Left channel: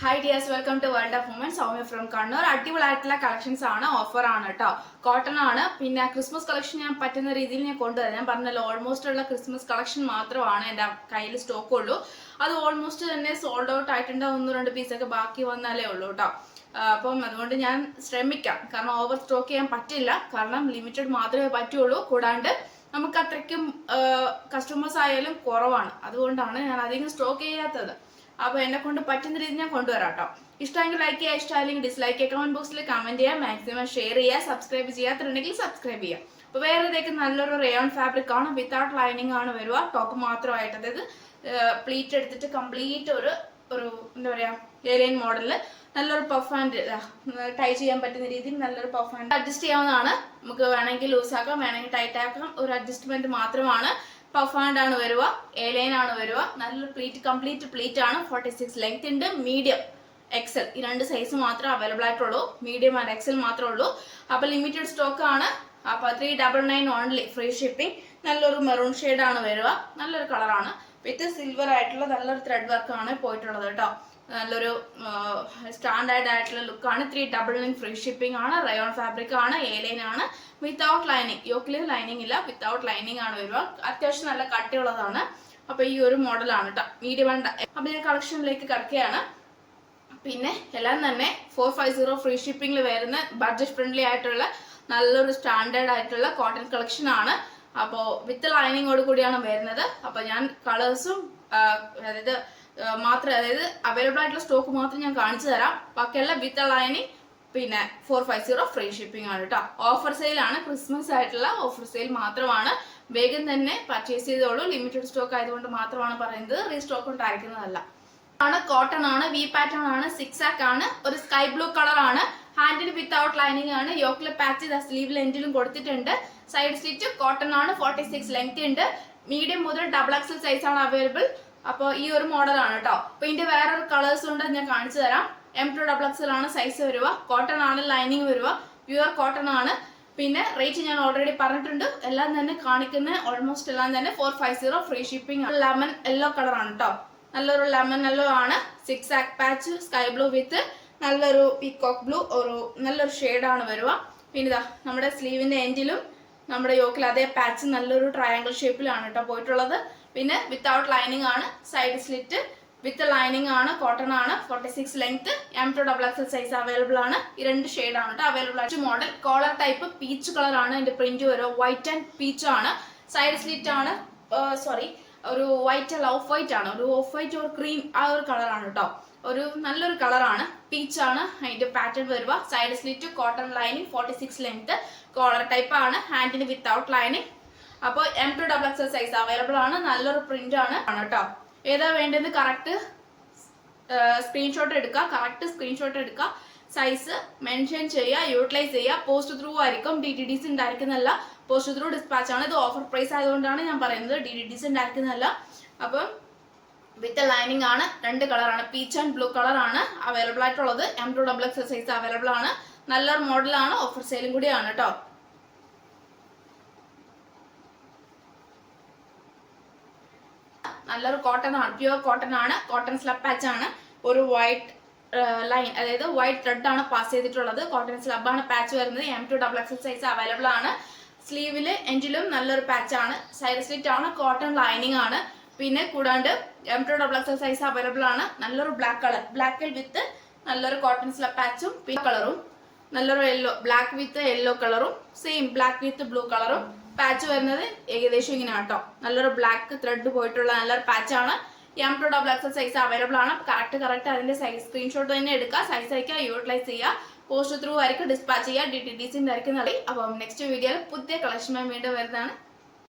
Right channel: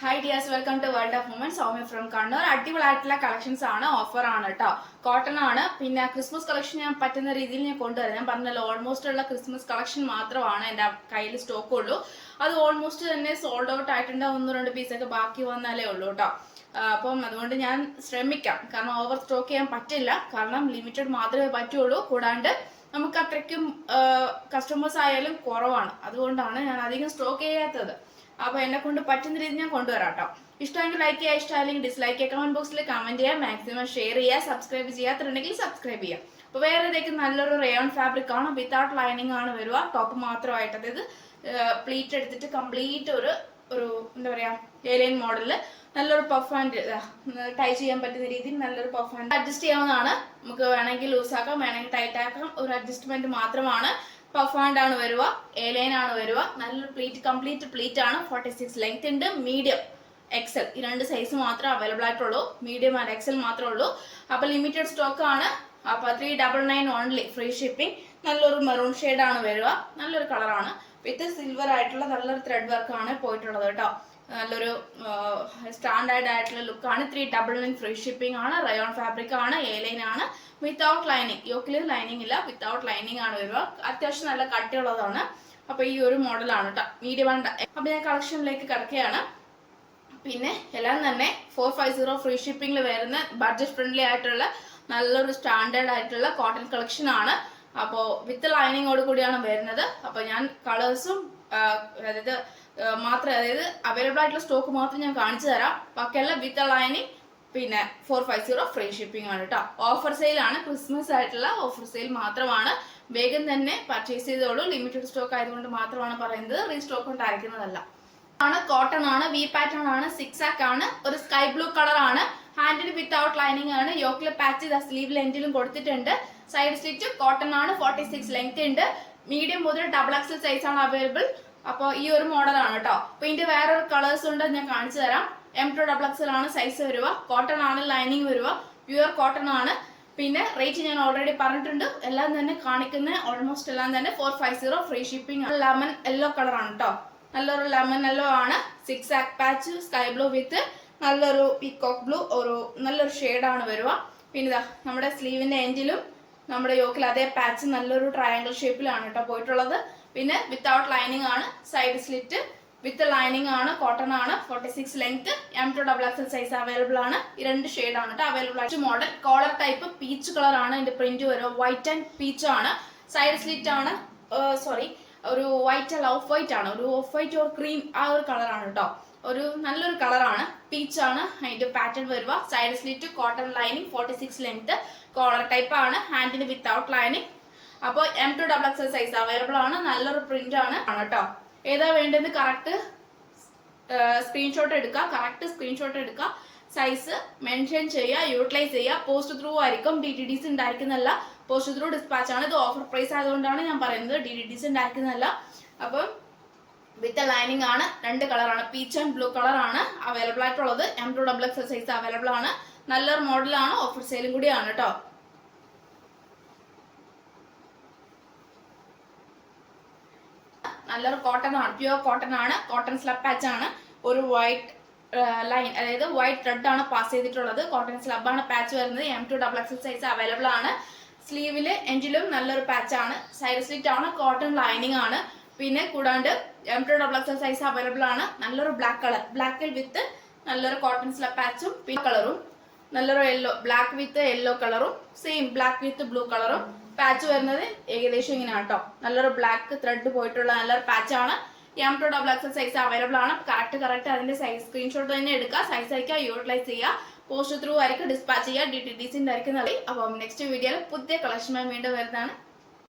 Hi dears, welcome to World of Women. Soumya from Kannur. അടിപൊളിയായിട്ടുള്ള collections ആണ്, offer ആണ് കേട്ടോ. കോട്ടൺ ആണ്. പിന്നെ ക്രിസ്മസ് കളക്ഷൻ ഞാൻ പറ്റുന്ന രീതിയിൽ ഞാൻ കൊണ്ടുവരാം. ഞാൻ പറഞ്ഞല്ലോ ഓൾമോസ്റ്റ് ഉള്ള ക്രിസ്മസ് കളക്ഷൻ മാത്രമാണ് എൻ്റെ കയ്യിൽ സ്റ്റോക്ക് ഉള്ളൂ. അത് ഓൾമോസ്റ്റ് തന്നെ സോൾഡ് ഔട്ട് ആയിട്ടുണ്ട്. 1-2 പീസൊക്കെ ബാക്കി വന്നാലേ ഉള്ളൂ കേട്ടോ. അപ്പം അതുകൊണ്ട് ഞാൻ ശ്രമിക്കാം. കാരണം ഓവർ സ്റ്റോക്ക് ചെയ്യാൻ പറ്റില്ല. കാരണം ലിമിറ്റഡ് മാത്രമേ പറ്റുള്ളൂ. കൂടാണ്ട് നമുക്ക് അത്രയ്ക്കും കസ്റ്റമേഴ്സ് ആയാലും കുറവാണ്. അതുകൊണ്ടാണ് ഞാൻ അധികം സ്റ്റോക്ക് ചെയ്യാത്തത്. അപ്പോൾ എന്നെ കൊണ്ട് പറ്റുന്ന രീതി ഞാൻ കൊണ്ടുവരാം കേട്ടോ. ഇഷ്ടമെങ്കിൽ ലൈക്ക് ചെയ്യുക, ഇഷ്ടമായില്ലെങ്കിൽ ഡിസ്ലൈക്ക് ചെയ്യുക, കമന്റ് ബോക്സിൽ കമന്റ് ചെയ്യുക, മാക്സിമം ഷെയർ ചെയ്യുക, സബ്സ്ക്രൈബ് ചെയ്യാത്തുണ്ടെങ്കിൽ സബ്സ്ക്രൈബ് ചെയ്യുക. അപ്പോൾ വേറെ ഇതേക്ക് നല്ലൊരു റയോൺ ഫാബ്രിക് ആണ്, വിത്തൗട്ട് ലൈനിങ് ആണ് വരിക. ടോപ്പ് മാത്രമായിട്ട്, അതായത് പ്ലീറ്റ് എടുത്തിട്ട് കംപ്ലീറ്റ് ഒരു എന്താ പറയാ ഏലിയൻ മോഡലില് നല്ലൊരു പഫ് ഹാൻഡ് ടൈ ചെയ്യാൻ പറ്റുന്ന രീതിയിൽ നല്ലൊരു പഫ് ഹാൻഡ് അഡ്ജസ്റ്റ് ചെയ്യാവുന്നതാണ്. നമുക്ക് വേണമെങ്കിൽ ലൂസ് ആക്കാം, വേണമെങ്കിൽ ടൈറ്റ് ആക്കാം. ഒരു അഡ്ജസ്റ്റ്മെന്റ് മാത്രമാണ്. പഫ് ഹാൻഡ് ആണ് വരിക, എലൈൻ ആണ് വരിക. നല്ലൊരു പ്ലീറ്റ്, കംപ്ലീറ്റ് പ്ലീറ്റ് ആണ്. 46 ലെങ്ത് ഉണ്ട്. മീഡിയം, എക്സൽ, ഈ രണ്ട് സൈസ് മാത്രമേ അവൈലബിൾ ആയിട്ടുള്ളൂ. മീഡിയം ആൻഡ് എക്സൽ മാത്രമേ ഉള്ളൂ. അപ്പൊ ലിമിറ്റഡ് സ്റ്റോക്ക് ആണ്. അപ്പൊ 399 ഓൺലി, ഫ്രീ ഷിപ്പിംഗ്. നല്ലൊരു മെറൂൺ ഷെയ്ഡ് ആണ് വരിക. നല്ലൊരു കളറാണ്. വിത്ത് സിൽവർ ആയിട്ടുള്ള നല്ലൊരു ത്രെഡ് വർക്ക് ആണ് പോയിട്ടുള്ളത് കേട്ടോ. നല്ലൊരു സ്റ്റാൻഡേർഡ് ആയിട്ടുള്ള ലുക്കാണ്. 399 ഫ്രീ ഷിപ്പിംഗ് ആണ്. റയോൺ ഫാബ്രിക് ആണ്. എലൈൻ ആണ്. വിത്തൗട്ട് ലൈനിങ്, യോക്കില് ലൈനിങ് ഇല്ല, വിത്തൗട്ട് ലൈനിങ് ആണ് വരിക. അത്യാവശ്യം നല്ല കട്ടിയുള്ളതാണ്. അപ്പൊ ഈ ഒരു മോഡലാണ് കേട്ടോ, മീഡിയം ആണ്. അപ്പൊ ഞാൻ കളക്ഷനിലേക്ക് കിടക്കുകയാണ്. പിന്നെ എല്ലാം തന്നെ 450 ഫ്രീ ഷിപ്പിംഗിൽ വരുന്ന ബഡ്ജറ്റ് ഫ്രണ്ട്ലി ആയിട്ടുള്ള നല്ലൊരു സ്റ്റാൻഡേർഡ് ആയിട്ടുള്ള കോട്ടൺ കളക്ഷൻ ആണ്. അപ്പോൾ വിത്ത് ലൈനിങ്ങോട് കൂടിയാണ് വരുന്നത്. അപ്പൊ ഞാൻ കളേഴ്സും അതായത് അവൈലബിൾ ആയിട്ടുള്ള സ്റ്റോക്ക് മാത്രം ഞാൻ കാണിച്ചു തരാം. ബാക്കിയെല്ലാം വിത്ത് ലൈനിങ്, പിന്നെ 450 ഫ്രീ ഷിപ്പിംഗ് ആണ് കേട്ടോ. ഓഫർ സെയിൽ ആണ്, ക്രിസ്മസ് ആയിട്ടുള്ള ഓഫർ സെയിൽ മാത്രമാണ്. വേഗം തന്നെ പർച്ചേസ് ചെയ്തോളൂ. ലിമിറ്റഡ് സ്റ്റോക്ക് ആയതുകൊണ്ട് മാത്രമാണ് പറയുന്നത്, റീസ്റ്റോക്ക് ഉണ്ടായിരിക്കുന്നതല്ല. കോട്ടൺ ആണ്, വി പാറ്റേൺ ആണ്, 6 ആക്ക് ആണ്. ഒരു സ്കൈ ബ്ലൂ കളർ ആണ്. ഹാൻഡിൽ വിത്തൗട്ട് ലൈനിങ് ആണ്. യോക്കിലെ പാച്ച് സ്ലീവ് ലെന്റിലും കൊടുത്തിട്ടുണ്ട്. സൈഡ് സ്റ്റിച്ച് കോട്ടൺ ആണ്. 46 ലെങ്ത് ഉണ്ട്. മീഡിയം മുതൽ XXL സൈസ് ആണ് അവൈലബിൾ. അപ്പോൾ ഈ ഒരു മോഡലാണ് കേട്ടോ. അപ്പൊ ഇതിന്റെ വേറൊരു കളേഴ്സ് ഉണ്ട്, ഞാൻ കാണിച്ചു തരാം. M2XXL ആണ് സൈസ് വരിക. കോട്ടൺ ആണ്, ലൈനിങ് വരിക. പ്യുവർ കോട്ടൺ ആണ്. പിന്നെ റേറ്റ് ഞാൻ ഓൾറെഡി പറഞ്ഞിട്ടുണ്ട്. എല്ലാം തന്നെ കാണിക്കുന്ന ഓൾമോസ്റ്റ് എല്ലാം തന്നെ 450 free shipping. Lemon yellow colour ആണ് കേട്ടോ. നല്ലൊരു ലെമൺ യെല്ലോ ആണ്. 6 ആക്ക് പാച്ച്, സ്കൈ ബ്ലൂ വിത്ത് നല്ലൊരു പീകോക്ക് ബ്ലൂ, നല്ലൊരു ഷെയ്ഡാണ് വരിക. പിന്നെ ഇതാ നമ്മുടെ സ്ലീവിന്റെ എൻഡിലും നമ്മുടെ യോക്കിൽ അതേ പാച്ച് നല്ലൊരു ട്രയാങ്കിൾ ഷേപ്പിലാണ് കേട്ടോ പോയിട്ടുള്ളത്. പിന്നെ വിത്തൗട്ട് ലൈനിങ് ആണ്. സൈഡ് സ്ലിറ്റ് വിത്ത് ലൈനിങ് ആണ്. കോട്ടൺ ആണ്. 46 ലെങ്ത്. M2XXL സൈസ് അവൈലബിൾ ആണ്. ഈ രണ്ട് ഷെയ്ഡ് ആണ് കേട്ടോ അവൈലബിൾ ആയിട്ട്. Model collar type peach colour ആണ്. ഇതിന്റെ പ്രിന്റ് വരും വൈറ്റ് ആൻഡ് പീച്ച് ആണ്. സൈഡ് സ്ലിറ്റ് ആണ്, ഒരു വൈറ്റ് അല്ല, ഓഫ് വൈറ്റ് ആണ്. ഒരു ഓഫ് വൈറ്റ് ഓർ ക്രീം, ആ ഒരു കളറാണ് കേട്ടോ. ഒരു നല്ലൊരു കളറാണ്. പീച്ച് ആണ് അതിന്റെ പാറ്റേൺ വരിക. Side slit, cotton lining, 46 length. Collar type ആണ്. ഹാൻഡിന് വിത്തൗട്ട് ലൈനിങ്. അപ്പോൾ M2XXL സൈസ് അവൈലബിൾ ആണ്. നല്ലൊരു പ്രിന്റ് ആണ് കേട്ടോ. ഏതാ വേണ്ടത് കറക്റ്റ് സ്ക്രീൻഷോട്ട് എടുക്കുക. സൈസ് മെൻഷൻ ചെയ്യുക, യൂട്ടിലൈസ് ചെയ്യുക. പോസ്റ്റ് ത്രൂ ആയിരിക്കും, DTDC ഉണ്ടായിരിക്കുന്നതല്ല. പോസ്റ്റ് ത്രൂ ഡിസ്പാച്ച് ആണ്. ഇത് ഓഫർ പ്രൈസ് ആയതുകൊണ്ടാണ് ഞാൻ പറയുന്നത്, DTDC ഉണ്ടായിരിക്കുന്നതല്ല. അപ്പം വിത്ത് ലൈനിങ് ആണ്. രണ്ട് കളറാണ്, പീച്ച് ആൻഡ് ബ്ലൂ കളർ ആണ് അവൈലബിൾ ആയിട്ടുള്ളത്. M2XXL സൈസ് അവൈലബിൾ ആണ്. നല്ലൊരു മോഡലാണ്. ഓഫർ സെയിലും കൂടിയാണ് കേട്ടോ. നല്ലൊരു കോട്ടൺ ആണ്, പ്യുവർ കോട്ടൺ ആണ്. കോട്ടൺ സ്ലബ് പാച്ച് ആണ്. ഒരു വൈറ്റ് ലൈൻ, അതായത് വൈറ്റ് ത്രെഡ് ആണ് പാസ് ചെയ്തിട്ടുള്ളത്. കോട്ടൺ സ്ലബ് ആണ് പാച്ച് വരുന്നത്. M2XXL സൈസ് അവൈലബിൾ ആണ്. സ്ലീവില് എൻഡിലും നല്ലൊരു പാച്ച് ആണ്. സൈഡ് സ്ലിറ്റ് ആണ്. കോട്ടൺ ലൈനിങ് ആണ്. പിന്നെ കൂടാണ്ട് M2XXL സൈസ് അവൈലബിൾ ആണ്. നല്ലൊരു ബ്ലാക്ക് കളർ, ബ്ലാക്കിൽ വിത്ത് നല്ലൊരു കോട്ടൺ സ്ലബ് പാച്ചും പിങ്ക് കളറും. നല്ലൊരു യെല്ലോ, ബ്ലാക്ക് വിത്ത് യെല്ലോ കളറും, സെയിം ബ്ലാക്ക് വിത്ത് ബ്ലൂ കളറും. പാച്ച് വരുന്നത് ഏകദേശം ഇങ്ങനെയാണ് കേട്ടോ. നല്ലൊരു ബ്ലാക്ക് ത്രെഡ് പോയിട്ടുള്ള നല്ലൊരു പാച്ചാണ്. M2XXL സൈസ് അവൈലബിൾ ആണ്. കറക്റ്റ് അതിന്റെ സൈസ് സ്ക്രീൻഷോട്ട് തന്നെ എടുക്കുക. സൈസ് അയക്കുക, യൂട്ടിലൈസ് ചെയ്യുക. പോസ്റ്റ് ത്രൂ ആയിരിക്കും ഡിസ്പാച്ച് ചെയ്യുക. DTDC ആയിരിക്കും. അപ്പം നെക്സ്റ്റ് വീഡിയോയിൽ പുതിയ കളക്ഷനുമായി വീണ്ടും വരുന്നതാണ്.